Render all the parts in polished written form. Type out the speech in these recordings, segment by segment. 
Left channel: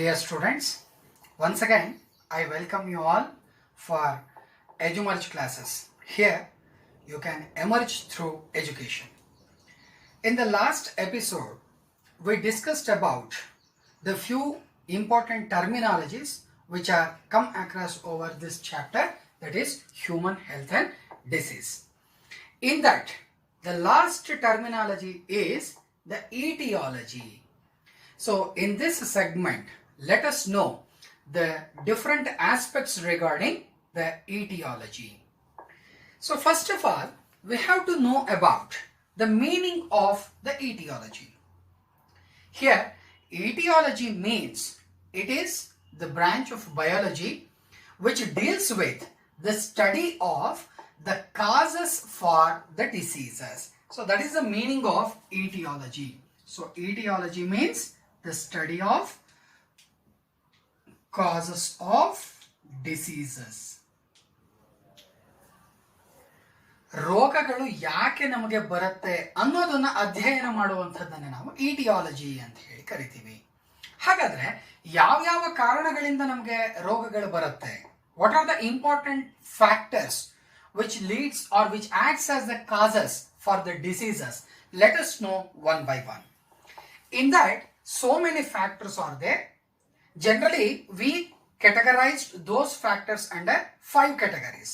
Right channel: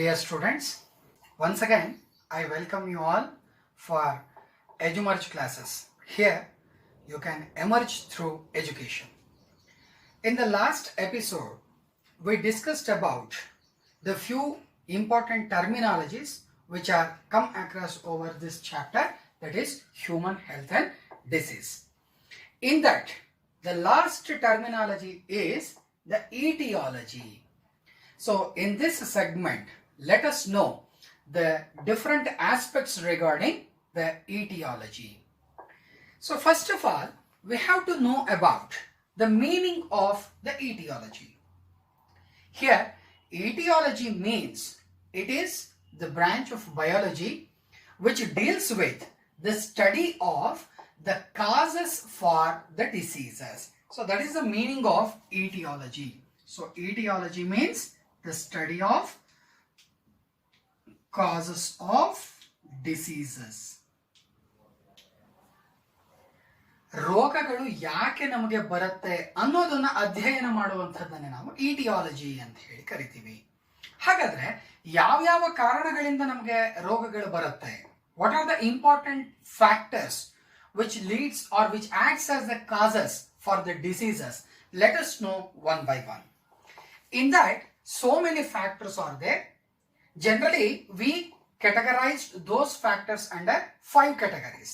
Dear students, once again I welcome you all for EduMerge classes. Here you can emerge through education. In the last episode, we discussed about the few important terminologies which are come across over this chapter, that is human health and disease. In that, the last terminology is the etiology. So in this segment, let us know the different aspects regarding the etiology. So first of all, we have to know about the meaning of the etiology. Here, etiology means it is the branch of biology which deals with the study of the causes for the diseases. So that is the meaning of etiology. So etiology means the study of causes of diseases. ರೋಗಗಳು ಯಾಕೆ ನಮಗೆ ಬರುತ್ತೆ ಅನ್ನೋದನ್ನ ಅಧ್ಯಯನ ಮಾಡುವಂಥದ್ದನ್ನೇ ನಾವು aetiology ಅಂತ ಹೇಳಿ ಕರಿತೀವಿ. ಹಾಗಾದ್ರೆ ಯಾವ್ಯಾವ ಕಾರಣಗಳಿಂದ ನಮಗೆ ರೋಗಗಳು ಬರುತ್ತೆ? What are the important factors which leads or which acts as the causes for the diseases? Let us know one by one. In that, so many factors are there. Generally, we categorized those factors under 5 categories.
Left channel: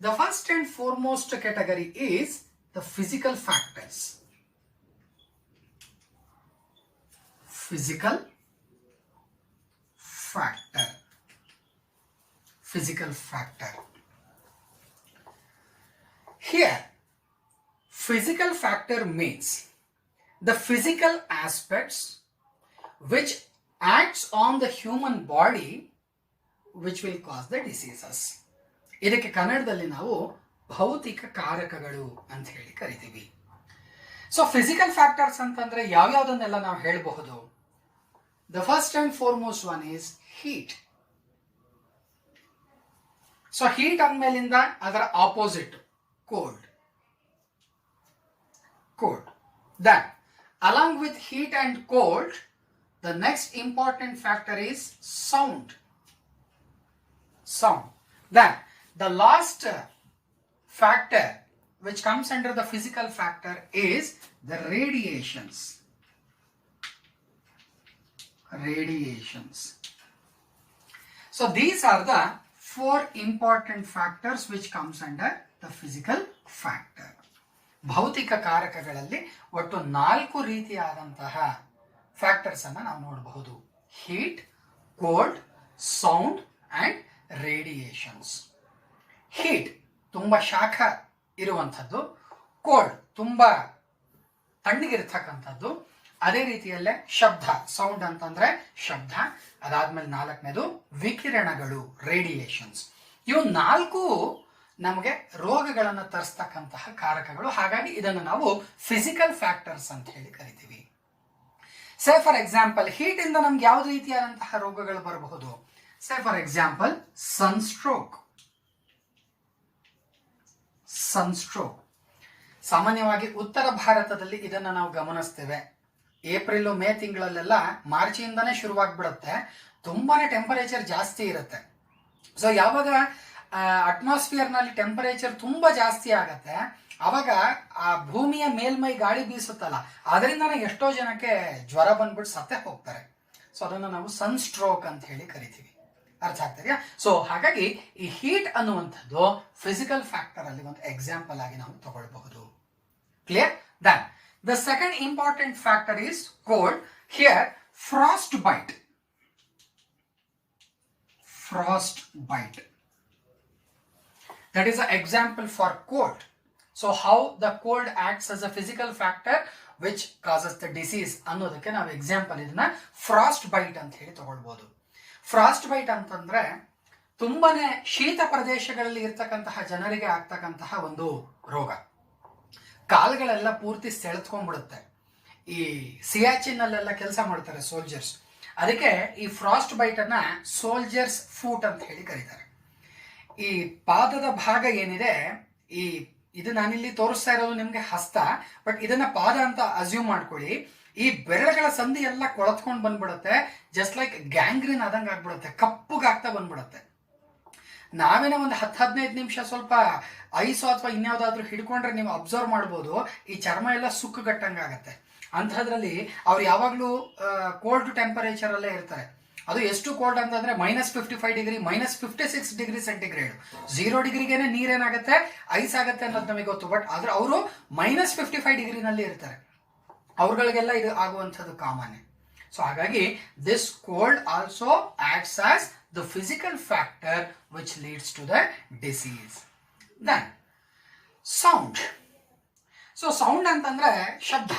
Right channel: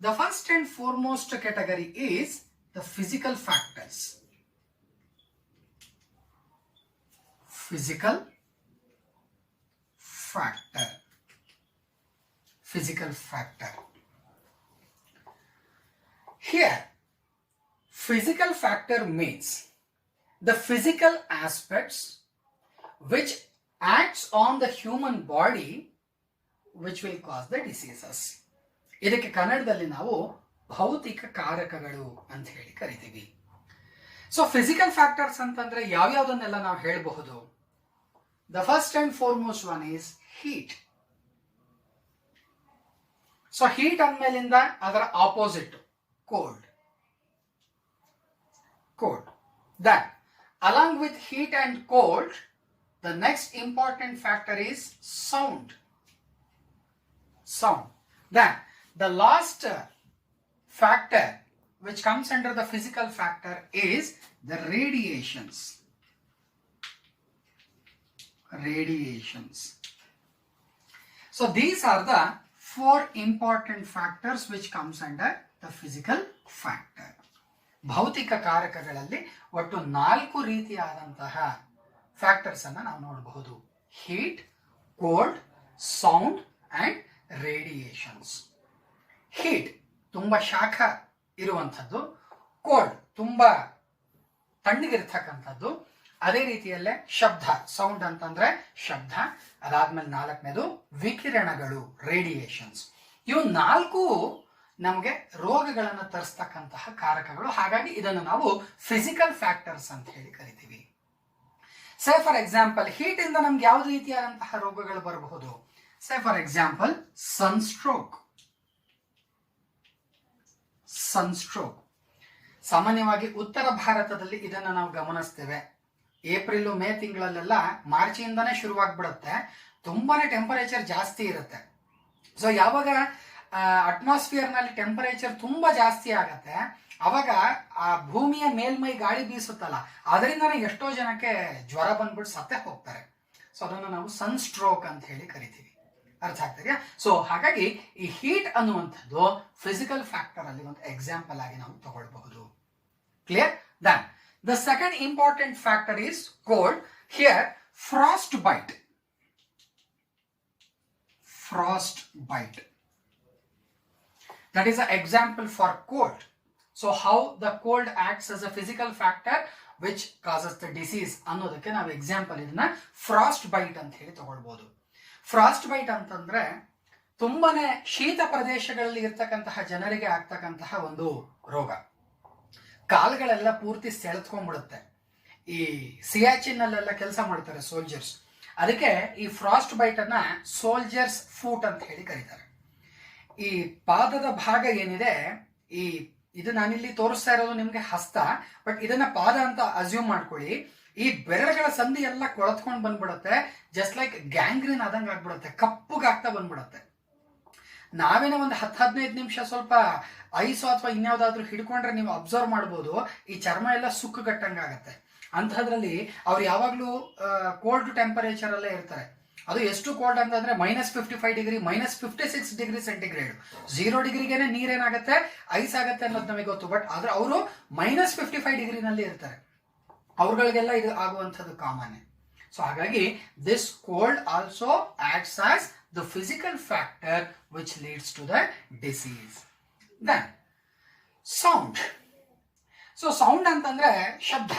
The first and foremost category is the physical factors. Physical factor. Physical factor. Here, physical factor means the physical aspects which acts on the human body which will cause the diseases. ಇದಕ್ಕೆ ಕನ್ನಡದಲ್ಲಿ ನಾವು ಭೌತಿಕ ಕಾರಕಗಳು ಅಂತ ಹೇಳಿ ಕರಿತೀವಿ. So physical factors ಅಂತಂದ್ರೆ ಯಾವ್ಯಾವುದನ್ನೆಲ್ಲ ನಾವು ಹೇಳಬಹುದು? The first and foremost one is heat. So heat ಅಂದ್ಮೇಲಿಂದ ಅದರ opposite cold. Then, along with heat and cold, the next important factor is sound. Then, the last factor which comes under the physical factor is the radiations. So, these are the 4 important factors which comes under the physical factor. ಭೌತಿಕ ಕಾರಕಗಳಲ್ಲಿ ಒಟ್ಟು 4 ರೀತಿಯಾದಂತಹ factors ಅನ್ನು ನಾವು ನೋಡಬಹುದು: heat, cold, sound and radiations. Heat ತುಂಬಾ ಶಾಖ ಇರುವಂಥದ್ದು, cold ತುಂಬಾ ತಣ್ಣಗಿರ್ತಕ್ಕಂಥದ್ದು, ಅದೇ ರೀತಿಯಲ್ಲೇ ಶಬ್ದ, ಸೌಂಡ್ ಅಂತಂದ್ರೆ ಶಬ್ದ, ಅದಾದ್ಮೇಲೆ 4ನೇದು ವಿಕಿರಣಗಳು, ರೇಡಿಯೇಷನ್ಸ್. ಇವು 4 ನಮಗೆ ರೋಗಗಳನ್ನು ತರಿಸ್ತಕ್ಕಂತಹ ಕಾರಕಗಳು. ಹಾಗಾಗಿ ಇದನ್ನು ನಾವು ಫಿಸಿಕಲ್ ಫ್ಯಾಕ್ಟರ್ಸ್ ಅಂತ ಹೇಳಿ ಕರಿತೀವಿ. ಸೇ ಫಾರ್ ಎಕ್ಸಾಂಪಲ್, ಹೀಟ್ ಇಂದ ನಮ್ಗೆ ಯಾವ ರೀತಿಯಾದಂತಹ ರೋಗಗಳು ಬರಬಹುದು? ಸೇ ಫಾರ್ ಎಕ್ಸಾಂಪಲ್ ಸನ್ಸ್ಟ್ರೋಕ್. ಸಾಮಾನ್ಯವಾಗಿ ಉತ್ತರ ಭಾರತದಲ್ಲಿ ಇದನ್ನು ನಾವು ಗಮನಿಸ್ತೇವೆ. April May ತಿಂಗಳಲ್ಲೆಲ್ಲ ಮಾರ್ಚಿಂದಾನೇ ಶುರುವಾಗ್ಬಿಡುತ್ತೆ. ತುಂಬಾನೇ ಟೆಂಪರೇಚರ್ ಜಾಸ್ತಿ ಇರುತ್ತೆ. ಸೊ ಯಾವಾಗ ಅಟ್ಮಾಸ್ಫಿಯರ್ ನಲ್ಲಿ ಟೆಂಪರೇಚರ್ ತುಂಬಾ ಜಾಸ್ತಿ ಆಗತ್ತೆ, ಅವಾಗ ಆ ಭೂಮಿಯ ಮೇಲ್ಮೈ ಗಾಳಿ ಬೀಸುತ್ತಲ್ಲ, ಅದರಿಂದನೇ ಎಷ್ಟೋ ಜನಕ್ಕೆ ಜ್ವರ ಬಂದ್ಬಿಟ್ಟು ಸತ್ತೇ ಹೋಗ್ತಾರೆ. ಸೊ ಅದನ್ನು ನಾವು ಸನ್ ಸ್ಟ್ರೋಕ್ ಅಂತ ಹೇಳಿ ಕರಿತೀವಿ. ಅರ್ಥ ಆಗ್ತದೆಯಾ? ಸೊ ಹಾಗಾಗಿ ಈ ಹೀಟ್ ಅನ್ನುವಂಥದ್ದು ಫಿಸಿಕಲ್ ಫ್ಯಾಕ್ಟರ್ ಅಲ್ಲಿ ಒಂದು ಎಕ್ಸಾಂಪಲ್ ಆಗಿ ನಾವು ತಗೊಳ್ಬಹುದು. Clear? Then the second important factor is cold. Here frostbite. That is an example for cold. So how the cold acts as a physical factor which causes the disease ಅನ್ನೋದಕ್ಕೆ ನಾವು example ಇದನ್ನ frost byte ಅಂತ ಹೇಳಿ ತಗೊಳ್ಬಹುದು. Frost byte ಅಂತಂದ್ರೆ ತುಂಬಾನೇ ಶೀತ ಪ್ರದೇಶಗಳಲ್ಲಿ ಇರ್ತಕ್ಕಂತಹ ಜನರಿಗೆ ಆಗ್ತಕ್ಕಂತಹ ಒಂದು ರೋಗ. ಕಾಲುಗಳೆಲ್ಲ ಪೂರ್ತಿ ಸೆಳೆದ್ಕೊಂಡ್ಬಿಡುತ್ತೆ. ಈ ಸಿಯಾಚಿನ್ ಅಲ್ಲೆಲ್ಲ ಕೆಲಸ ಮಾಡ್ತಾರೆ ಸೋಲ್ಜರ್ಸ್, ಅದಕ್ಕೆ ಈ ಫ್ರಾಸ್ಟ್ ಬೈಟ್ ಅನ್ನ ಸೋಲ್ಜರ್ಸ್ ಫೂಟ್ ಅಂತ ಹೇಳಿ ಕರೀತಾರೆ. ಈ ಪಾದದ ಭಾಗ ಏನಿದೆ, ಇದು ನಾನಿಲ್ಲಿ ತೋರಿಸ್ತಾ ಇರೋದು ನಿಮ್ಗೆ ಹಸ್ತ, ಬಟ್ ಇದನ್ನ ಪಾದ ಅಂತ ಅಸ್ಯೂಮ್ ಮಾಡ್ಕೊಳ್ಳಿ. ಈ ಬೆರಳುಗಳ ಸಂಧಿ ಎಲ್ಲ ಕೊಳತ್ಕೊಂಡು ಬಂದ್ಬಿಡುತ್ತೆ, ಜಸ್ಟ್ ಲೈಕ್ ಗ್ಯಾಂಗ್ರೀನ್ ಆದಂಗೆ ಆಗ್ಬಿಡುತ್ತೆ, ಕಪ್ಪುಗಾಗ್ತಾ ಬಂದ್ಬಿಡುತ್ತೆ. ನಾವೇನೋ ಒಂದು 10-15 ನಿಮಿಷ ಸ್ವಲ್ಪ ಐಸು ಅಥವಾ ಇನ್ಯಾವುದಾದ್ರೂ ಹಿಡ್ಕೊಂಡ್ರೆ ನೀವು ಅಬ್ಸರ್ವ್ ಮಾಡ್ಬೋದು, ಈ ಚರ್ಮ ಎಲ್ಲ ಸುಕ್ಕುಗಟ್ಟಂಗಾಗತ್ತೆ. ಅಂಥದ್ರಲ್ಲಿ ಅವ್ರು ಯಾವಾಗಲೂ ಕೋಲ್ಡ್ ಟೆಂಪರೇಚರ್ ಅಲ್ಲೇ ಇರ್ತಾರೆ. ಅದು ಎಷ್ಟು ಕೋಲ್ಡ್ ಅಂತಂದ್ರೆ -55 ಡಿಗ್ರಿ, -56 ಡಿಗ್ರಿ ಸೆಂಟಿಗ್ರೇಡ್. 0 ಡಿಗ್ರಿಗೇನೆ ನೀರೇನಾಗತ್ತೆ, ಐಸ್ ಆಗತ್ತೆ ಅನ್ನೋದು ನಮಗೆ ಗೊತ್ತು. ಬಟ್ ಆದ್ರೆ ಅವರು -55 ಡಿಗ್ರಿನಲ್ಲಿ ಇರ್ತಾರೆ. ಅವ್ರಗಳಿಗೆಲ್ಲ ಇದು ಆಗುವಂಥದ್ದು ಕಾಮನ್. ಸೊ ಹಾಗಾಗಿ this cold also acts as the physical factor which leads to the disease. Then sound. So sound ಅಂತಂದ್ರೆ ಶಬ್ದ.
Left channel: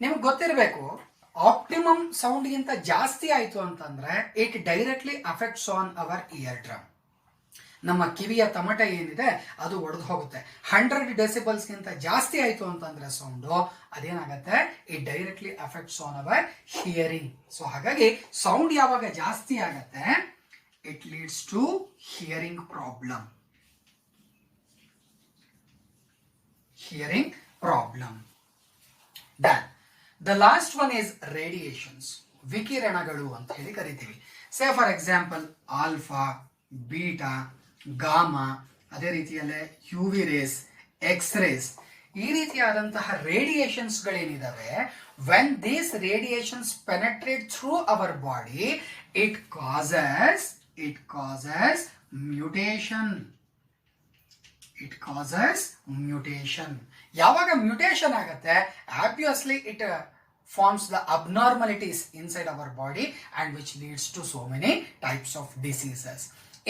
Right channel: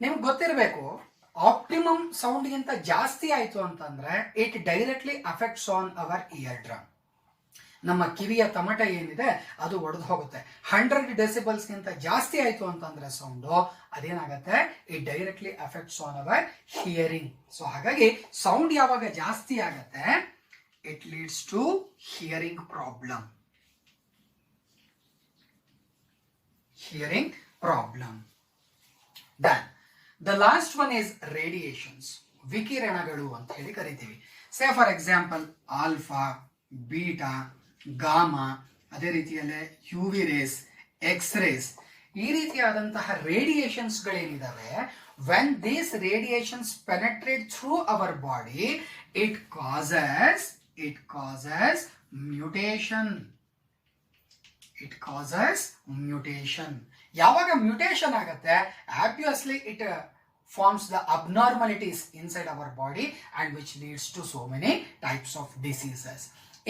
ನಿಮ್ಗೆ ಗೊತ್ತಿರಬೇಕು, ಆಪ್ಟಿಮಮ್ ಸೌಂಡ್ ಗಿಂತ ಜಾಸ್ತಿ ಆಯ್ತು ಅಂತಂದ್ರೆ it directly affects on our eardrum. ನಮ್ಮ ಕಿವಿಯ ತಮಟೆ ಏನಿದೆ ಅದು ಒಡೆದು ಹೋಗುತ್ತೆ. 100 ಡೆಸಿಬಲ್ಸ್ ಗಿಂತ ಜಾಸ್ತಿ ಆಯ್ತು ಅಂತಂದ್ರೆ ಸೌಂಡು ಅದೇನಾಗತ್ತೆ, it directly affects on our hearing. So ಹಾಗಾಗಿ ಸೌಂಡ್ ಯಾವಾಗ ಜಾಸ್ತಿ ಆಗತ್ತೆ, it leads to hearing problem. Hearing problem. Then the last one is radiations. ವಿಕಿರಣಗಳು ಅಂತ ಹೇಳಿ ಕರಿತೀವಿ. ಸೇ for example alpha, beta, gamma, ಅದೇ ರೀತಿಯಲ್ಲೇ UV ರೇಸ್, ಎಕ್ಸ್ ರೇಸ್, ಈ ರೀತಿಯಾದಂತಹ radiations ಗಳೇನಿದಾವೆ, when these radiations penetrate through our body, it causes mutation. It causes mutation. ಯಾವಾಗ mutation ಆಗುತ್ತೆ, obviously it forms the abnormalities inside our body and which leads to so many types of diseases.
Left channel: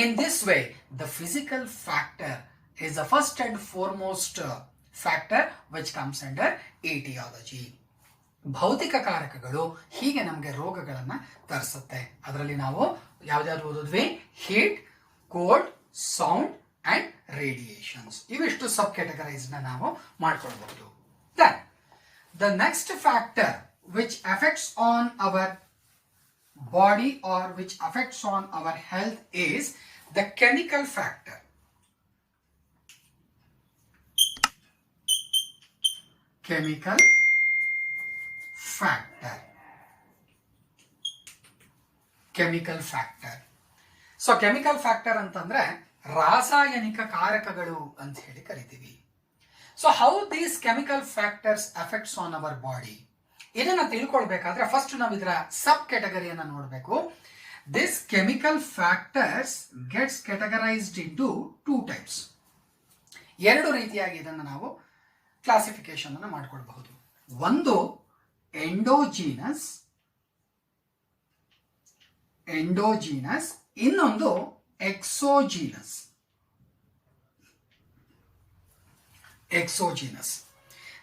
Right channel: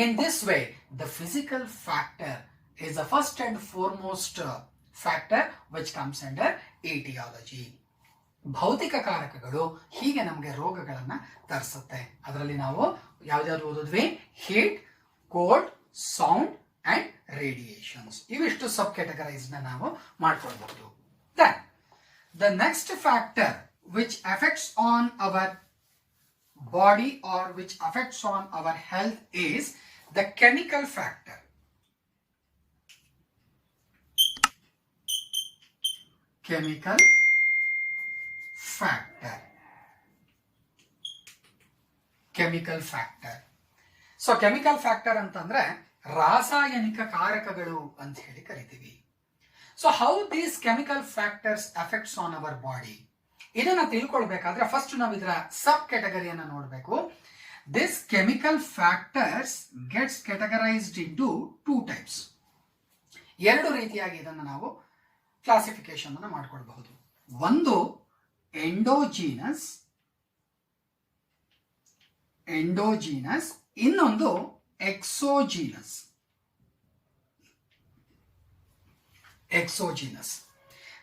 In this way, the physical factor is the first and foremost factor which comes under etiology. ಭೌತಿಕ ಕಾರಕಗಳು ಹೀಗೆ ನಮಗೆ ರೋಗಗಳನ್ನ ತರಿಸುತ್ತೆ. ಅದರಲ್ಲಿ ನಾವು ಯಾವ್ದಾದ್ರು ಓದಿದ್ವಿ, heat, cold, sound and radiations. ಇವಿಷ್ಟು subcategorise ನಾವು ಮಾಡ್ಕೊಳ್ಬಹುದು. The next factor which affects on our body or which affects on our health is the chemical factor. Chemical factor. Chemical factor. So chemical factor ಅಂತಂದ್ರೆ ರಾಸಾಯನಿಕ ಕಾರಕಗಳು ಅಂತ ಹೇಳಿ ಕರಿತೀವಿ. So how these chemical factors affects on our body, ಇದನ್ನ ತಿಳ್ಕೊಳ್ಬೇಕಾದ್ರೆ first ನಾವು ಇದರ ಸಬ್ ಕ್ಯಾಟಗರಿಯನ್ನ ನೋಡಬೇಕು. This chemical factors gets categorised into 2 types. 2 ರೀತಿಯಾಗಿ ಇದನ್ನ ನಾವು ಕ್ಲಾಸಿಫಿಕೇಶನ್ ಅನ್ನು ಮಾಡ್ಕೊಳ್ಬಹುದು. ಒಂದು ಎಂಡೋಜಿನಸ್, ಇನ್ನೊಂದು exogenous.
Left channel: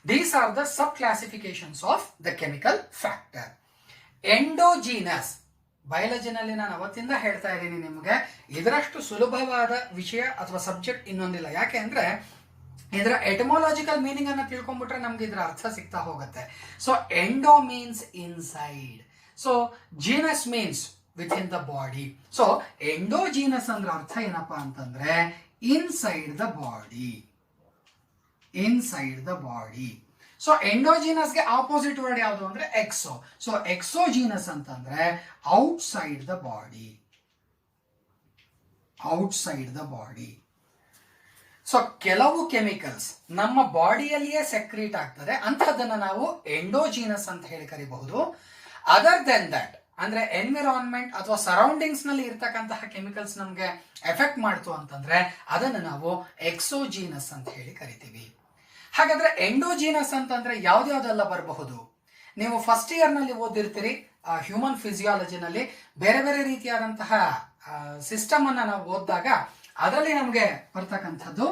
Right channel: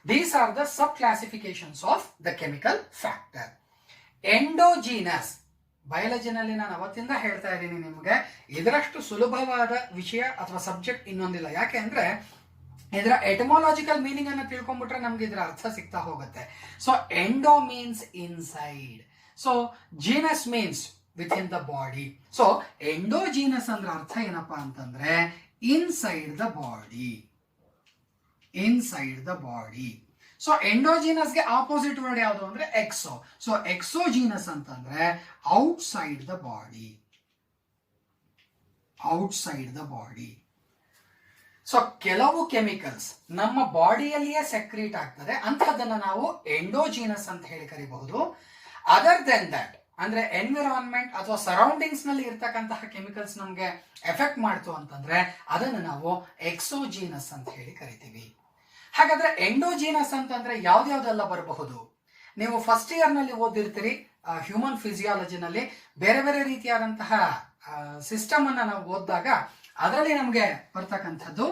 These are the sub-classifications of the chemical factor. Endogenous, ಬಯಾಲಜಿನಲ್ಲಿ ನಾನು ಅವತ್ತಿಂದ ಹೇಳ್ತಾ ಇದ್ದೀನಿ ನಿಮಗೆ, ಇದರಷ್ಟು ಸುಲಭವಾದ ವಿಷಯ ಅಥವಾ ಸಬ್ಜೆಕ್ಟ್ ಇನ್ನೊಂದಿಲ್ಲ. ಯಾಕೆ ಅಂದ್ರೆ ಇದರ ಎಟಮೋಲಾಜಿಕಲ್ ಮೀನಿಂಗ್ ಅನ್ನ ತಿಳ್ಕೊಂಡ್ಬಿಟ್ರೆ ನಮ್ಗೆ ಇದರ ಅರ್ಥ ಸಿಗ್ತಾ ಹೋಗುತ್ತೆ. So endo means inside, so genous means within the body. So endogenous ಅಂದ್ರೆ ಅರ್ಥ ಏನಪ್ಪಾ ಅಂತಂದ್ರೆ inside the body. So endogenous ಗೆ ಆಪೋಸಿಟ್ ವರ್ಡ್ ಯಾವುದು ಅಂದ್ರೆ ಎಕ್ಸೋ. ಸೊ ಎಕ್ಸೋಜಿನಸ್ ಅಂತಂದ್ರೆ ಔಟ್ಸೈಡ್ ದ ಬಾಡಿ. ಸೊ ಕೆಲವು ಕೆಮಿಕಲ್ಸ್ ನಮ್ಮ ಬಾಡಿಯಲ್ಲಿಯೇ ಸೆಕ್ರೀಟ್ ಆಗ್ತದೆ, ಅಂತಹದನ್ನ ನಾವು ಎಂಡೋಜಿನಸ್ ಅಂತ ಹೇಳಿ ಕರಿಬಹುದು. ಅದರ್ ದೆನ್ ದಟ್ ಅಂದ್ರೆ ಎನ್ವಿರಾನ್ಮೆಂಟ್ ಅಥವಾ ಸರೌಂಡಿಂಗ್ಸ್ ನಲ್ಲಿ ಇರ್ತಕ್ಕಂತಹ ಕೆಮಿಕಲ್ಸ್ ನಮ್ಗೆ ಎಫೆಕ್ಟ್ ಮಾಡ್ತು ಅಂತಂದ್ರೆ ಅದನ್ನ ನಾವು ಎಕ್ಸೋಜಿನಸ್ ಅಂತ ಹೇಳಿ ಕರಿತೀವಿ. ಹಾಗಾದ್ರೆ ಎಂಡೋಜಿನಸ್ ಅಂತಂದ್ರೆ ಯಾವ್ದ್ಯಾವ್ದೆಲ್ಲ ಬರಬಹುದು? ನೀವು ಫಸ್ಟ್ ಇಯರ್ ನಲ್ಲಿ ಓದಿರ್ತೀರಿ, ಹ್ಯೂಮನ್ ಫಿಸಿಯಾಲಜಿನಲ್ಲಿ ಬೇರೆ ಬೇರೆ ರೀತಿಯಾದಂತಹ ಸಿಸ್ಟಮ್ ಅನ್ನ ನಾವು ಓದಿದಾಗ ಅದರಲ್ಲಿ ನಮ್ಗೆ ಬರ್ತಕ್ಕಂಥದ್ದು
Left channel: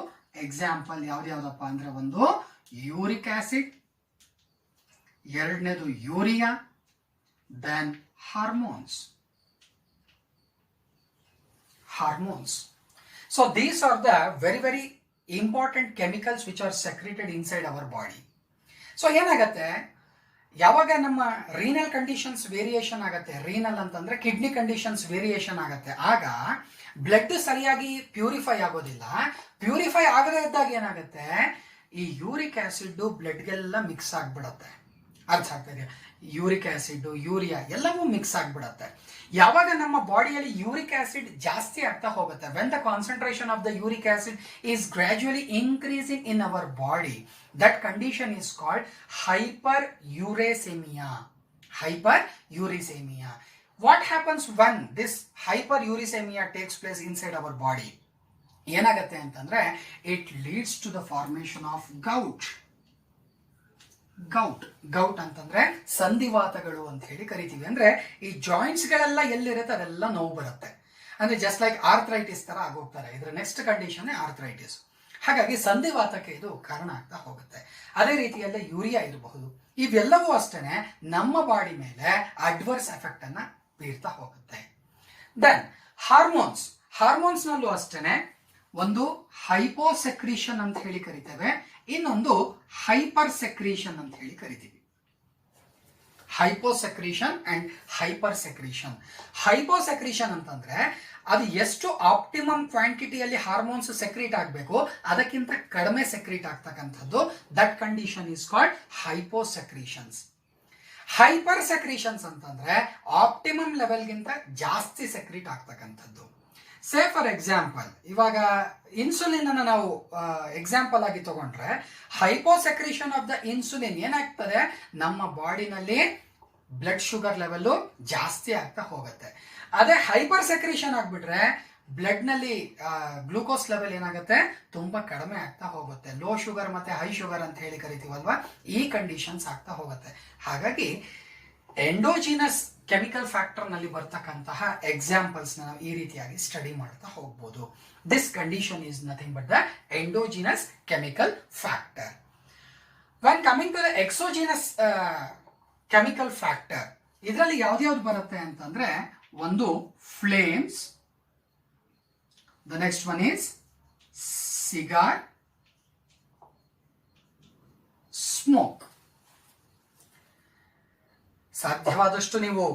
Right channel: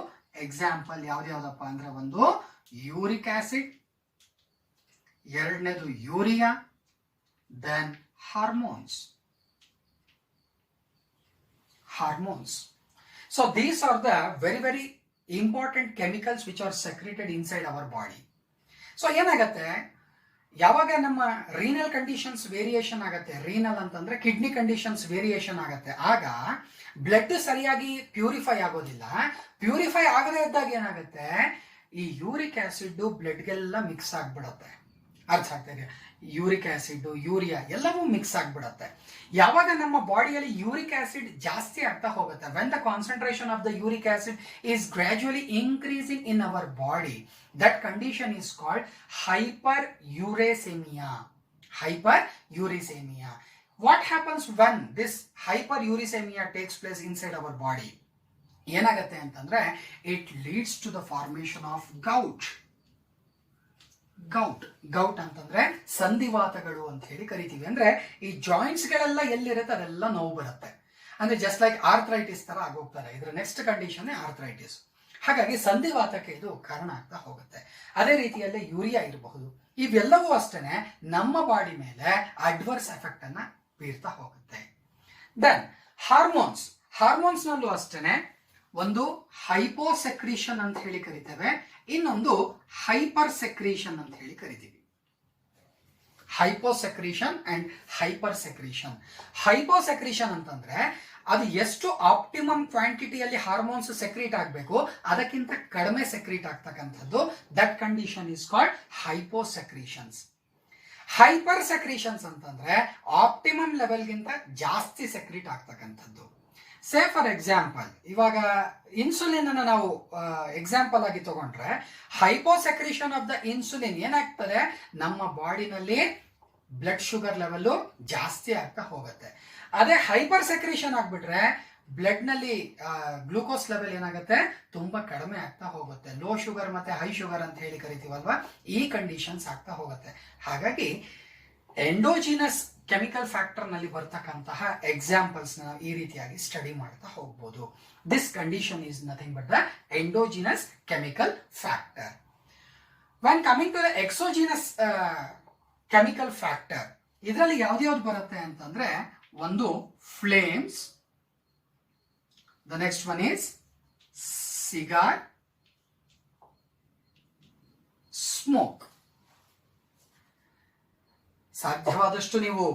ಎಕ್ಸಾಂಪಲ್ ಯಾವ್ದ್ಯಾವ್ದಪ್ಪ ಅಂದ್ರೆ ಒಂದು ಯೂರಿಕ್ ಆಸಿಡ್, ಎರಡನೇದು urea, then hormones. So these are the very important chemicals which are secreted inside our body. So ಏನಾಗತ್ತೆ, ಯಾವಾಗ ನಮ್ಮ ರೀನಲ್ ಕಂಡೀಷನ್ಸ್ ವೇರಿಯೇಷನ್ ಆಗತ್ತೆ, ರೀನಲ್ ಅಂತಂದ್ರೆ ಕಿಡ್ನಿ ಕಂಡೀಷನ್ಸ್ ವೇರಿಯೇಷನ್ ಆಗತ್ತೆ, ಆಗ ಬ್ಲಡ್ ಸರಿಯಾಗಿ ಪ್ಯೂರಿಫೈ ಆಗೋದಿಲ್ಲ. ಪ್ಯೂರಿಫೈ ಆಗದೇ ಇದ್ದಾಗ ಏನಾಗುತ್ತೆ, ಈ ಯೂರಿಕ್ ಆಸಿಡ್ ಬ್ಲಡ್ಗೆಲ್ಲ ಮಿಕ್ಸ್ ಆಗ್ಬಿಡತ್ತೆ. ಅರ್ಥ ಆಗ್ತಾ ಇದೆ? ಯೂರಿಕ್ ಆಸಿಡ್, ಯೂರಿಯಾ ಎಲ್ಲವೂ ಮಿಕ್ಸ್ ಆಗ್ಬಿಡತ್ತೆ. ಯಾವಾಗ ನಮ್ಮ ಬಾಡಿಯಲ್ಲಿ ಯೂರಿಕ್ ಆಸಿಡ್ ಜಾಸ್ತಿ ಆಗ್ತಾ ಹೋಗುತ್ತೆ, when the concentration of the uric acid is gradually increasing in our body, that condition is called hyper uricemia. Hyper uricemia. What happens when this hyperuricemia takes place inside our body? ಏನಾಗುತ್ತೆ ಅಂತಂದ್ರೆ it leads to the formation of gout. Gout ಅಂತಂದ್ರೆ ಸಂಧಿವಾತಗಳು ಅಂತ ಹೇಳಿ ಕರಿತೀವಿ. ಅಂದ್ರೆ ಈ joints ಗಳೆಲ್ಲ ಎಲ್ಲಿರುತ್ತೆ ಅದೆಲ್ಲ ನೋವು ಬರುತ್ತೆ. ಅಂದ್ರೆ ಜಸ್ಟ್ ಲೈಕ್ ಆರ್ಥರೈಟಿಸ್ ತರ ಆಗೋಗ್ತಾರೆ. ಇದ್ರ ನೆಕ್ಸ್ಟ್ ಕಂಡೀಷನ್ ಆರ್ಥರೈಟಿಸ್. ಹಾಗಾಗಿ ಸಂಧಿವಾತಕ್ಕೆ ಇದು ಕಾರಣ ಆಗ್ತಾ ಹೋಗುತ್ತೆ. ಅದೇ ರೀತಿಯಲ್ಲೇ ಯೂರಿಯಾ ಇರಬಹುದು. ಇವೆಲ್ಲವೂ ಅಷ್ಟೇ ನಮ್ಮ ಬಾಡಿ ಮೇಲೆ ಅಡ್ವರ್ಸ್ ಎಫೆಕ್ಟ್ ಅನ್ನ ಬೀರ್ತಾ ಹೋಗುತ್ತೆ. ದೆನ್ ಹಾರ್ಮೋನ್ಸ್ ನಲ್ಲೂ ಅಷ್ಟೇ ಒಂದು ಹೈಪೋಸೆಕ್ರೀಷನ್ ಅಂತ ಹೇಳಿ ಕರಿತೇವೆ, ಇನ್ನೊಂದು ಹೈಪರ್ ಸೆಕ್ರೀಷನ್ ಅಂತ ಹೇಳಿ ಕರಿತೀವಿ. ಹೈಪೋಸೆಕ್ರೀಷನ್ ಅಂಡ್ ಹೈಪರ್ ಸೆಕ್ರೀಷನ್. ಹೈಪೋಸೆಕ್ರೀಷನ್ ಅಂತಂದ್ರೆ ಅದು ಎಷ್ಟು ಆಪ್ಟಿಮಮ್ ಕ್ವಾಂಟಿಟಿಯಲ್ಲಿ ಹಾರ್ಮೋನ್ಸ್ ಸೆಕ್ರೀಟ್ ಆಗಬೇಕು ಅದಕ್ಕಿಂತ ಕಡಿಮೆ ಸೆಕ್ರೀಟ್ ಆಗ್ತಕ್ಕಂಥದ್ದು. That condition is called hyposecretions. Hyper secretions ಅಂತಂದ್ರೆ ಆಪ್ಟಿಮಮ್ ಲೆವೆಲ್ಗಿಂತ ಜಾಸ್ತಿ ಸೆಕ್ರೀಟ್ ಆಗ್ತಕ್ಕಂಥದ್ದು. ಸೇ ಫಾರ್ ಎಕ್ಸಾಂಪಲ್, ಇವಾಗ ಇನ್ಸುಲಿನ್ ಅನ್ನು ನಾವು ಎಕ್ಸಾಂಪಲ್ ಆಗಿ ತಗೊಂಡ್ರೆ, ಹೈಪೋಸೆಕ್ರೀಷನ್ ಆಫ್ ದ ಇನ್ಸುಲಿನ್ ಏನಾಗ್ತದೆ, ನಮ್ಮ ಬಾಡಿನಲ್ಲಿ ಬ್ಲಡ್ ಶುಗರ್ ಲೆವೆಲ್ ಜಾಸ್ತಿ ಆಗ್ತಾ ಹೋಗುತ್ತೆ. ಅದೇ ಹೈಪರ್ ಸೆಕ್ರೀಷನ್ ಆಗ್ಬಿಟ್ರೆ ಬ್ಲಡ್ ನಲ್ಲಿ ಗ್ಲೂಕೋಸ್ ಲೆವೆಲ್ ಏನಾಗುತ್ತೆ, ತುಂಬಾ ಕಡಿಮೆ ಆಗ್ತಾ ಹೋಗುತ್ತೆ. ಲೋ ಶುಗರ್ ಮತ್ತೆ ಹೈ ಶುಗರ್ ಅಂತ ಹೇಳಿ ಕರಿತೀವಲ್ವಾ, ಈ ಕಂಡೀಷನ್ಸ್ ಆಗ್ತಾ ಹೋಗುತ್ತೆ. ಹಾಗಾಗಿ ಎಂಡೋಜಿನಸ್ ಕೆಮಿಕಲ್ ಫ್ಯಾಕ್ಟರ್ ನಲ್ಲಿ ಬರ್ತಕ್ಕಂತಹ ಎಕ್ಸಾಂಪಲ್ಸ್ ನಾವು ಈ ರೀತಿಯಾಗಿ ಸ್ಟಡಿ ಮಾಡ್ತಾ ಹೋಗ್ಬೋದು. This condition is nothing but the endogenous chemical factor. When coming to the exogenous chemical factor, ಇದರಲ್ಲಿ ಯಾವ್ದ್ಯಾವ್ದು ಬರುತ್ತೆ ಅಂತಂದ್ರೆ, ಒಂದು flames, the next one is cigar, smoke. ಸಾಧ್ಯವಾದಷ್ಟು ನೀವು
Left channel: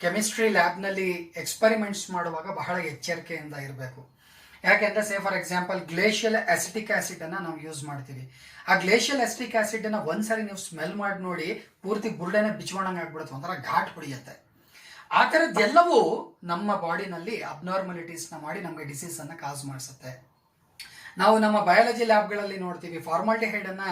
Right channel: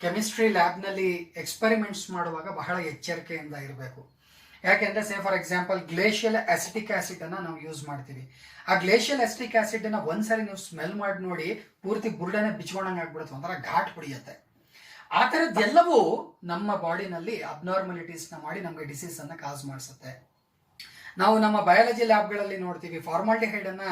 ಕೆಮಿಸ್ಟ್ರಿ ಲ್ಯಾಬ್ ನಲ್ಲಿ ಎಕ್ಸ್ಪೆರಿಮೆಂಟ್ಸ್ ಮಾಡುವಾಗ ಬಹಳ ಎಚ್ಚರಿಕೆಯಿಂದ ಇರಬೇಕು. ಯಾಕೆಂದ್ರೆ ಸೇ for example glacial acetic acid ಅನ್ನ ನಾವು ಯೂಸ್ ಮಾಡ್ತೀವಿ. ಆ ಗ್ಲೇಷಿಯಲ್ ಅಸಿಟಿಕ್ ಆಸಿಡ್ ಅನ್ನ ಒಂದ್ಸರಿ ನೀವು ಸ್ಮೆಲ್ ಮಾಡಿ ನೋಡಿ, ಪೂರ್ತಿ ಬುರ್ಡನೆ ಬಿಚ್ಕೊಂಡಂಗೆ ಆಗ್ಬಿಡುತ್ತೆ, ಒಂಥರ ಘಾಟ್ ಹೊಡಿಯುತ್ತೆ. ಆ ತರದ್ದೆಲ್ಲವೂ ನಮ್ಮ ಬಾಡಿನಲ್ಲಿ ಅಬ್ನಾರ್ಮಲಿಟೀಸ್ ನ ಮಾಡಿ ನಮಗೆ ಡಿಸೀಸ್ ಅನ್ನ ಕಾಸ್ ಮಾಡಿಸುತ್ತೆ. ನಾವು ನಮ್ಮ ಬಯಾಲಜಿ ಲ್ಯಾಬ್ಗಳಲ್ಲಿ ನೋಡ್ತೀವಿ, ಫಾರ್ಮಾಲ್ಡಿಹೈಡ್ ಅನ್ನ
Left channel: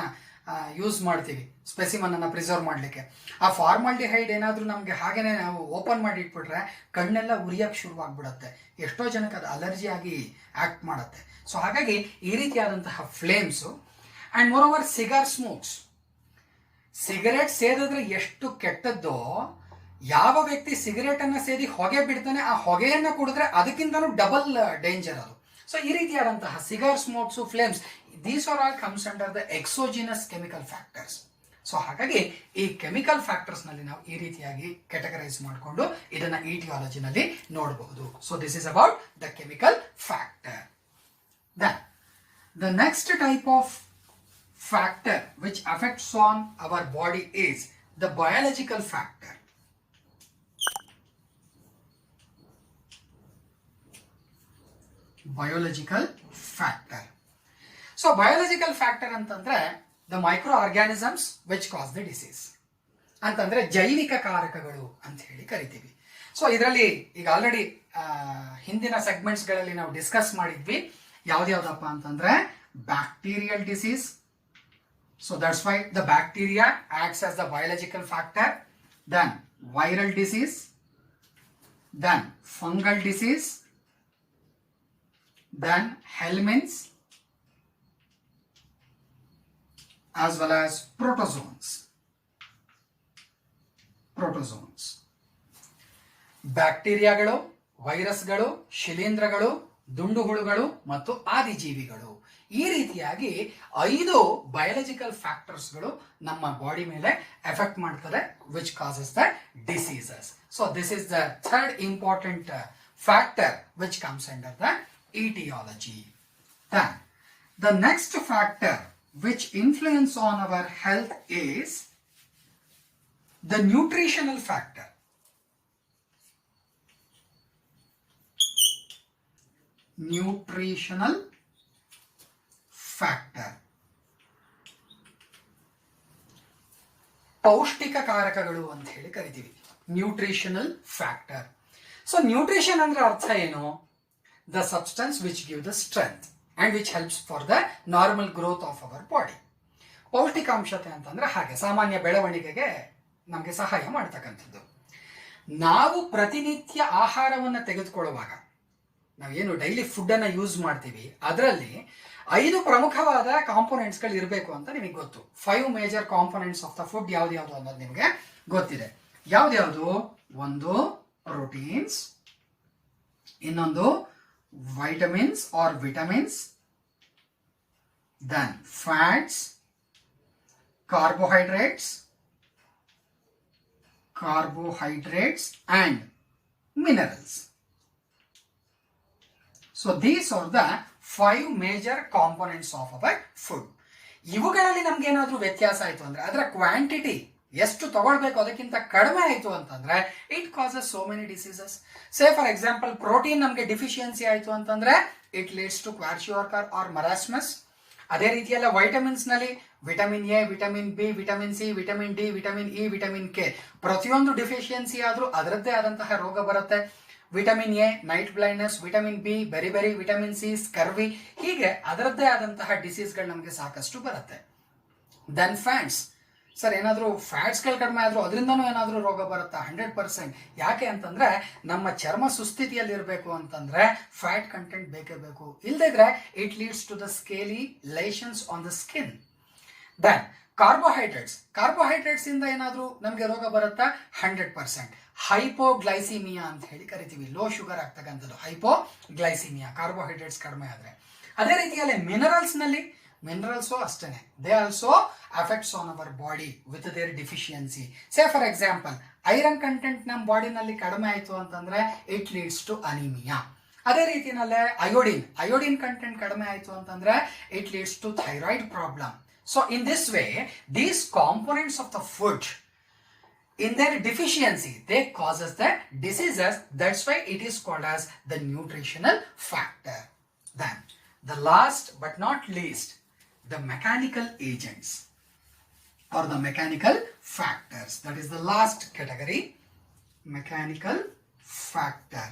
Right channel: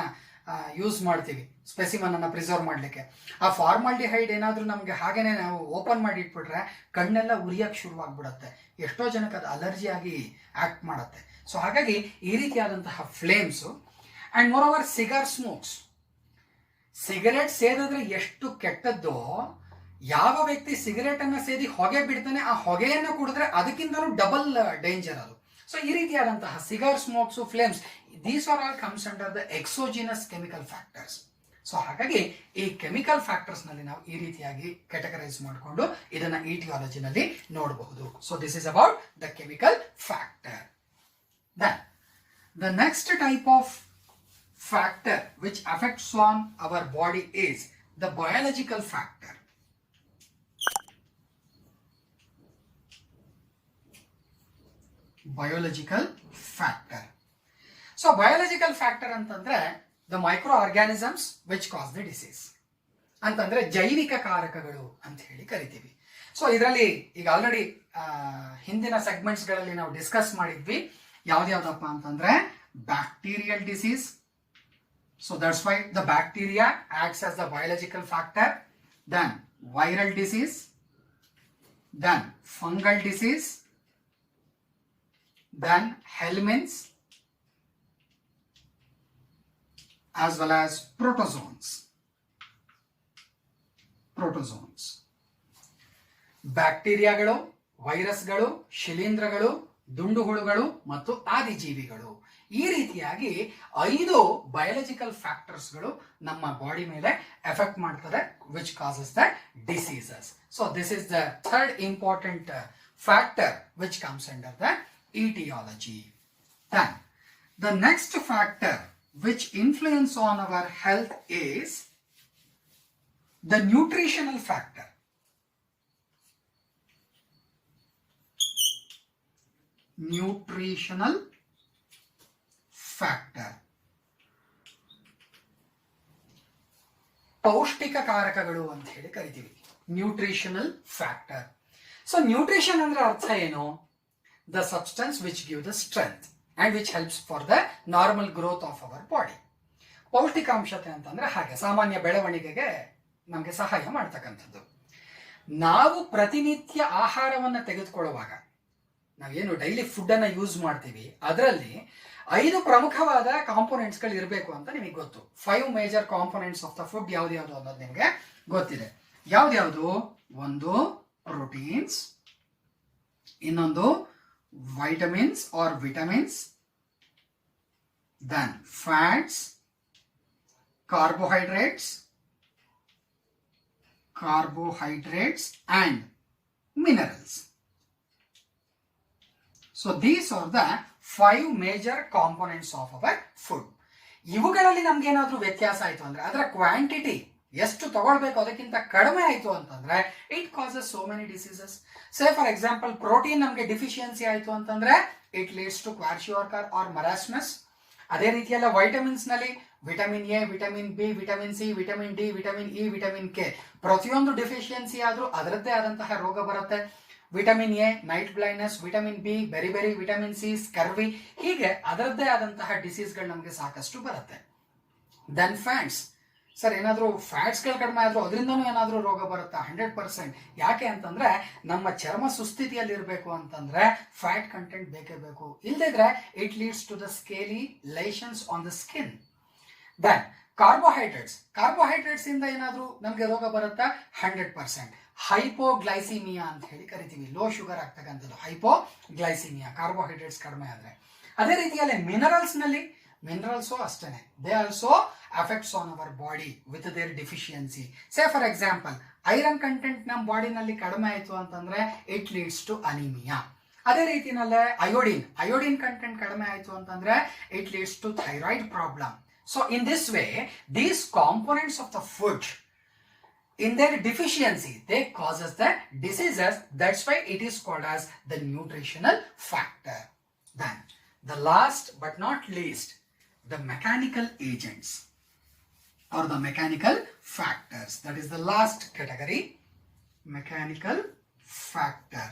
ಯೂಸ್ ಮಾಡ್ತೀವಿ ಸ್ಪೆಸಿಮನ್ ಅನ್ನ ಪ್ರಿಸರ್ವ್ ಮಾಡ್ಲಿಕ್ಕೆ. ಆ ಫಾರ್ಮಾಲ್ಡಿಹೈಡ್ ಏನಾದ್ರೂ ನಮ್ಗೆ ಹಾಗೇನೆ ನಾವು ಓಪನ್ ಮಾಡಿ ಇಟ್ಬಿಟ್ರೆ ಕಣ್ಣೆಲ್ಲ ಉರಿಯಕ್ಕೆ ಶುರುವಾಗ್ಬಿಡತ್ತೆ. ಎಷ್ಟೋ ಜನಕ್ಕೆ ಅದು ಅಲರ್ಜಿ ಆಗಿ ಆಕ್ಟ್ ಮಾಡುತ್ತೆ. ಸೊ ಹಾಗಾಗಿ ಈ ರೀತಿಯಾದಂತಹ flames and moreover cigar smokes. Cigarette ಸೇದಿದ್ರೆ ಎಷ್ಟು ಕೆಟ್ಟದ್ದೋ, ಯಾವ ವ್ಯಕ್ತಿ ಸಿಗರೇಟ್ ಅನ್ನ ಸೇದಿ ಹೊಗೆ ಬಿಡ್ತಾನೆ, ಆ ಹೊಗೆಯನ್ನ ಕುಡಿದ್ರೆ ಅದಕ್ಕಿಂತಲೂ ಡಬಲ್ ಡೇಂಜರ್ ಅದು. ಸೊ ಈ ರೀತಿಯಾದಂತಹ cigar smokes, flames, these are all comes under the exogenous chemical factors. So ಹಾಗಾಗಿ ಈ ಕೆಮಿಕಲ್ ಫ್ಯಾಕ್ಟರ್ಸ್ ನಲ್ಲಿ ನಾವು ಈ ರೀತಿಯಾಗಿ ಕ್ಯಾಟಗರೈಸ್ ಮಾಡಿಕೊಂಡು ಇದನ್ನ ಇಟಿಯಾಲಜಿನಲ್ಲಿ ನೋಡಬಹುದು. So this is about the chemical factor. Then the next type of factor which affects on our body is the biological factor. Biological factor. So biological factor ಅಂತಂದ್ರೆ the micro organisms which cause the disease ಅಂತಂದ್ರೆ ಜೈವಿಕ ಕಾರಕಗಳು ಅಂತ ಹೇಳಿ ಕರಿತೀವಿ. So ಇದರಲ್ಲಿ ಈಗ already ಹಿಂದಿನ segments ಗಳಲ್ಲಿ ನಾವು ಡಿಸ್ಕಸ್ ಮಾಡಿದ್ವಿ. ಯಾವ್ದಾವ್ದಪ್ಪ ಅಂತಂದ್ರೆ bacterial disease. So that's why the bacteria acts as the biological factor. Then viral disease, then fungal disease, then helminths, as well as protozoans. ಬ್ಯಾಕ್ಟೀರಿಯಾಗಳು, ವೈರಸ್ಗಳು, ಶಿಲೀಂಧ್ರಗಳು, ದುಂಡುಹುಳುಗಳು ಮತ್ತು ಆದಿಜೀವಿಗಳು, ಈ ರೀತಿಯಾಗಿ 5 ಬಯಾಲಜಿಕಲ್ ಫ್ಯಾಕ್ಟರ್ಸ್ಗಳು ನಮ್ಮ ಬಾಡಿ ಮೇಲೆ ಎಫೆಕ್ಟ್ ಮಾಡ್ತದೆ, which causes the diseases. So this is the third important factor which comes under the etiology. Then the next factor which influence on our health is the nutritional factor. Nutritional factor. ಪೌಷ್ಟಿಕ ಕಾರಕಗಳು ಅಂತ ಹೇಳಿ ಕರಿತೀವಿ, nutritional factor. So nutrition ಅಂದ್ರೆ ಅರ್ಥ ಏನು? The substance which give the strength and which helps for the normal growth of our body. ಪೌಷ್ಟಿಕಾಂಶತೆ ಅಂತಂದ್ರೆ ಹಾಗೆ ಸಾಮಾನ್ಯ ಬೆಳವಣಿಗೆಗೆ ನಮಗೆ ಸಹಾಯ ಮಾಡ್ತಕ್ಕಂಥದ್ದು. ನಾವು ಪ್ರತಿನಿತ್ಯ ಆಹಾರವನ್ನು ತೆಗೆದುಕೊಳ್ಳುವಾಗ, ನಾವೇನು ಡೈಲಿ ಫುಡ್ ಅನ್ನ ಯೂಸ್ ಮಾಡ್ತೀವಿ, ಅದರಲ್ಲಿ 5 ಪ್ರಮುಖವಾದ ಕಾಂಪೋನೆಂಟ್ಸ್ಗಳು ಇರಬೇಕು ಅಂತ ನಿಮಗೆ ಗೊತ್ತು. 5 major components of the food ಯಾವ್ದು ಅನ್ನೋದು ನಿಮಗೆ ಗೊತ್ತಿದೆ. ಯಾವ್ದು? ಒಂದು ಪ್ರೋಟೀನ್ಸ್, ಇನ್ನೊಂದು vitamins or vitamins, then fats, carbohydrates and minerals. So these are the 5 major components of our food. ಇವುಗಳಲ್ಲಿ ನಮ್ಗೆ ಏನಾದ್ರೂ ವ್ಯತ್ಯಾಸ ಆಯ್ತು ಅಂದ್ರೆ, ಅದರ ಕ್ವಾಂಟಿಟಿ ಎಷ್ಟು ತಗೊಳ್ಬೇಕು ಅದಕ್ಕಿಂತ ಕಡಿಮೆ ಆಯ್ತು ಅಂತಂದ್ರೆ, it causes so many diseases. Say for example, protein ನಮ್ಗೆ ಡಿಫಿಷಿಯನ್ಸಿ ಆಯ್ತು ಅಂತಂದ್ರೆ ಇಟ್ ಲೀಡ್ಸ್ ಟು ಕ್ವಾರ್ಶಿಯೋರ್ಕರ್ ಆರ್ ಮರಾಸ್ಮಸ್. ಅದೇ ರೀತಿಯಲ್ಲ ವೈಟಮಿನ್ಸ್ ನಲ್ಲಿ vitamin A, vitamin B, vitamin C, vitamin D, vitamin E, vitamin K, ಪ್ರತಿಯೊಂದು ಡಿಫಿಷಿಯನ್ಸಿ ಆದ್ರೂ ಅದರದ್ದೇ ಆದಂತಹ ರೋಗ ಬರುತ್ತೆ. Vitamin A night blindness, vitamin B berry, vitamin C scurvy, ಹೀಗೆ ಅದರದ್ದೇ ಆದಂತಹ ಡಿಸೀಸ್ಗಳು ನಮಗೆ ಸಾಕಷ್ಟು ಬರುತ್ತೆ. Then fats. ಸರ್ ಏನಾದ್ರೂ ಫ್ಯಾಟ್ಸ್ಗಳು ಕಡಿಮೆ ಆದ್ರೂ ಅದರಿಂದನೂ ಏನಾದ್ರೂ ರೋಗ ಬರುತ್ತಾ? 100%. ಯಾಕೆ ಅಂತಂದ್ರೆ ನಮ್ಮ ಚರ್ಮ ಸುಸ್ಥಿತಿಯಲ್ಲಿ ಇರಬೇಕು ಅಂತಂದ್ರೆ ಫ್ಯಾಟ್ ಕಂಟೆಂಟ್ ಬೇಕೇ ಬೇಕು. ಇಲ್ಲದಿದ್ರೆ it leads to the scaly lesions on the skin. Then carbohydrates ಇಂದ ಏನಾದ್ರೂ ನಮ್ಗೆ ರೋಗ ಬರುತ್ತಾ? 100%. ಹೈಪೋಗ್ಲೈಸಿಮಿಯಾ ಅಂತ ಹೇಳಿ ಕರಿತೀವಿ, ಲೋ ಶುಗರ್ ಆಗ್ತಕ್ಕಂಥದ್ದು ಹೈಪೋಗ್ಲೈಸಿಮಿಯಾ, ಕಾರ್ಬೋಹೈಡ್ರೇಟ್ಸ್ ಕಡಿಮೆ ಆದ್ರೆ. ಅದೇ ರೀತಿಯಲ್ಲಿ ಮಿನರಲ್ಸು ಅಷ್ಟೇನೆ, they also affects on our body with their deficiency. Say for example, iron content ನಮ್ಮ ಬಾಡಿನಲ್ಲಿ ಕಡಿಮೆ ಆಯ್ತು ಅಂತಂದ್ರೆ ಇಟ್ ಲೀಡ್ಸ್ ಟು ಅನಿಮಿಯಾ. ಅದೇ ರೀತಿನಲ್ಲೇ ಅಯೋಡಿನ್ ಕಂಟೆಂಟ್ ಕಡಿಮೆ ಆಯ್ತು ಅಂತಂದ್ರೆ it leads to thyroid problem. So in this way, these components of the food, in their deficiency, they causes the diseases. That's why it is called as the nutritional factor. Then the last but not least, the mechanical agents or the mechanical factors. That is the last category, mechanical factor.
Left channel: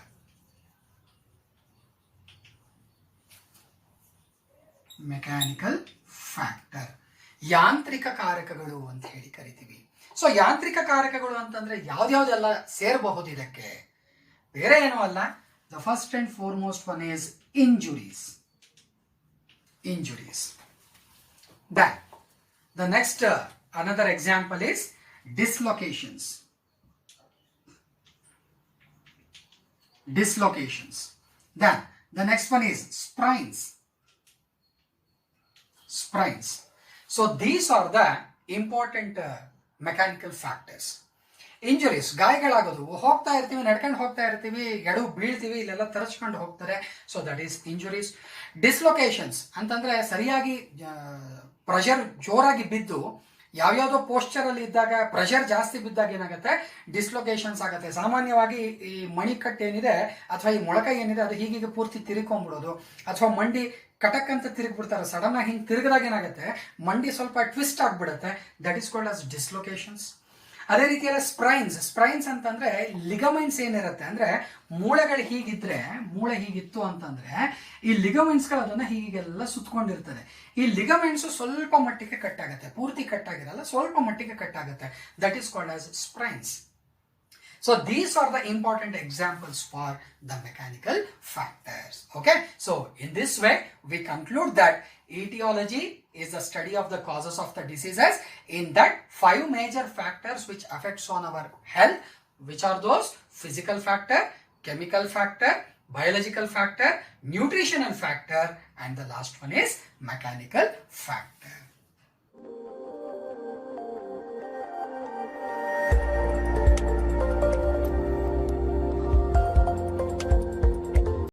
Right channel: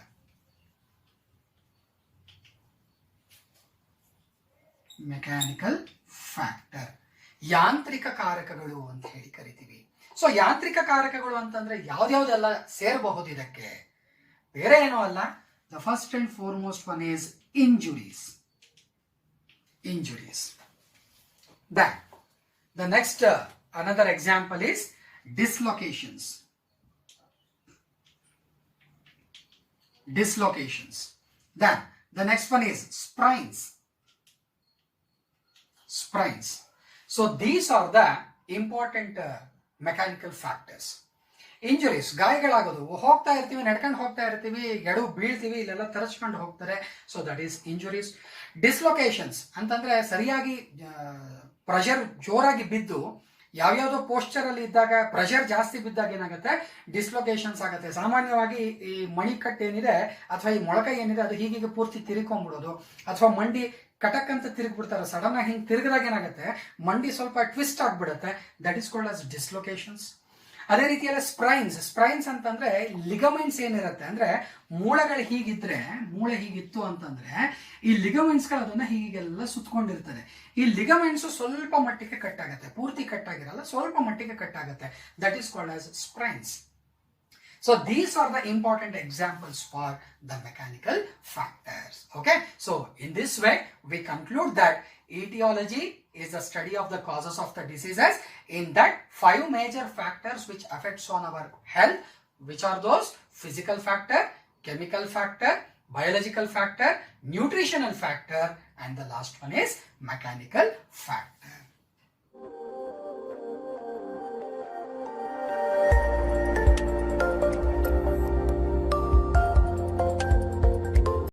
Mechanical factor. ಯಾಂತ್ರಿಕ ಕಾರಕಗಳು ಅಂತ ಹೇಳಿ ಕರಿತೀವಿ. So ಯಾಂತ್ರಿಕ ಕಾರಕಗಳು ಅಂತಂದ್ರೆ ಯಾವ್ದ್ಯಾವ್ದೆಲ್ಲ ಸೇರಬಹುದು ಇದಕ್ಕೆ? ಬೇರೆ ಏನೂ ಅಲ್ಲ. The first and foremost one is injuries. Then the next another example is dislocations. Then the next one is sprains. So these are the important mechanical factors. Injuries, ಗಾಯಗಳಾಗೋದು, ಹೋಗ್ತಾ ಇರ್ತೀವಿ, ನಡ್ಕೊಂಡು ಹೋಗ್ತಾ ಇರ್ತೀವಿ, ಎಡು ಬೀಳ್ತೀವಿ, ಇಲ್ಲೆಲ್ಲ ತರಚ್ಕೊಂಡು ಹೋಗ್ತಾರೆ. So that is injuries. Dislocations ಅಂತಂದ್ರೆ ಸರಿಯಾಗಿ ಪ್ರೆಷರ್ ಜೋರಾಗಿ ಬಿದ್ದು ಯಾವ್ಯಾವ್ದೋ ಪೋಸ್ಚರ್ ಅಲ್ಲಿ ಇದ್ದಾಗ ಪ್ರೆಷರ್ ಜಾಸ್ತಿ ಬಿದ್ದಾಗ ಏನಾಗುತ್ತೆ? ಡಿಸ್ಲೊಕೇಶನ್ಸ್ ಆಗುತ್ತೆ. ಸಾಮಾನ್ಯವಾಗಿ ಈ ಮಣಿಕಟ್ಟು ಏನಿದೆ ಅಥವಾ ಈ ಮೊಳಕ ಏನಿದೆ ಅದು ಹೀಗೆ ಪೂರ್ತಿ ತಿರ್ಕೊಂಡ್ಬಿಡೋದು, ಅಥವಾ ಮಂಡಿ ಕಟಕ್ ಅಂತ ತಿರುಗ್ಬಿಡ್ತಾರೆ. ಸಡನ್ ಆಗಿ ಹಿಂಗೆ ತಿರುಗಿದಾಗ ಏನಾಗುತ್ತೆ? ಮಂಡಿ ಸ್ವಲ್ಪ ಟ್ವಿಸ್ಟ್ ಆಗ್ಬಿಡುತ್ತೆ. That is called as dislocations. ಅದೇ ರೀತಿಯಲ್ಲಿ ಸ್ಪ್ರೈನ್ಸ್ ಅಂತಂದ್ರೆ ಲಿಗಮೆಂಟ್ಸ್ ಏನಿರುತ್ತೆ ಅಂದ್ರೆ ಮೂಳೆಗಳು ಹೀಗಿದ್ರೆ, ಮೂಳೆ ಹೀಗಿತ್ತು ಅಂತಂದ್ರೆ ಈ ಲಿಗಮೆಂಟ್ಸ್ಗಳು ಅದನ್ನ ಹೀಗೆಲ್ಲ ಸುತ್ತಕೊಂಡಿರ್ತದೆ. ಈ ಲಿಗಮೆಂಟ್ಸ್ ಸ್ವಲ್ಪ ಮಟ್ಟಿಗೆ ಕಟ್ ಆಗುತ್ತೆ, ಪೂರ್ತಿ ಕಟ್ ಆಗಿರಲ್ಲ, ಸ್ವಲ್ಪ ಮಟ್ಟಿಗೆ ಕಟ್ ಆಗುತ್ತೆ. That is called as sprains. So these are the important examples for the mechanical factors. Okay, so in this way we conclude that etiology is the study of the causes of the diseases. In that 5 major factors which affects on our health, which are those: physical factor, chemical factor, biological factor, nutritional factor, and the last one is mechanical factor.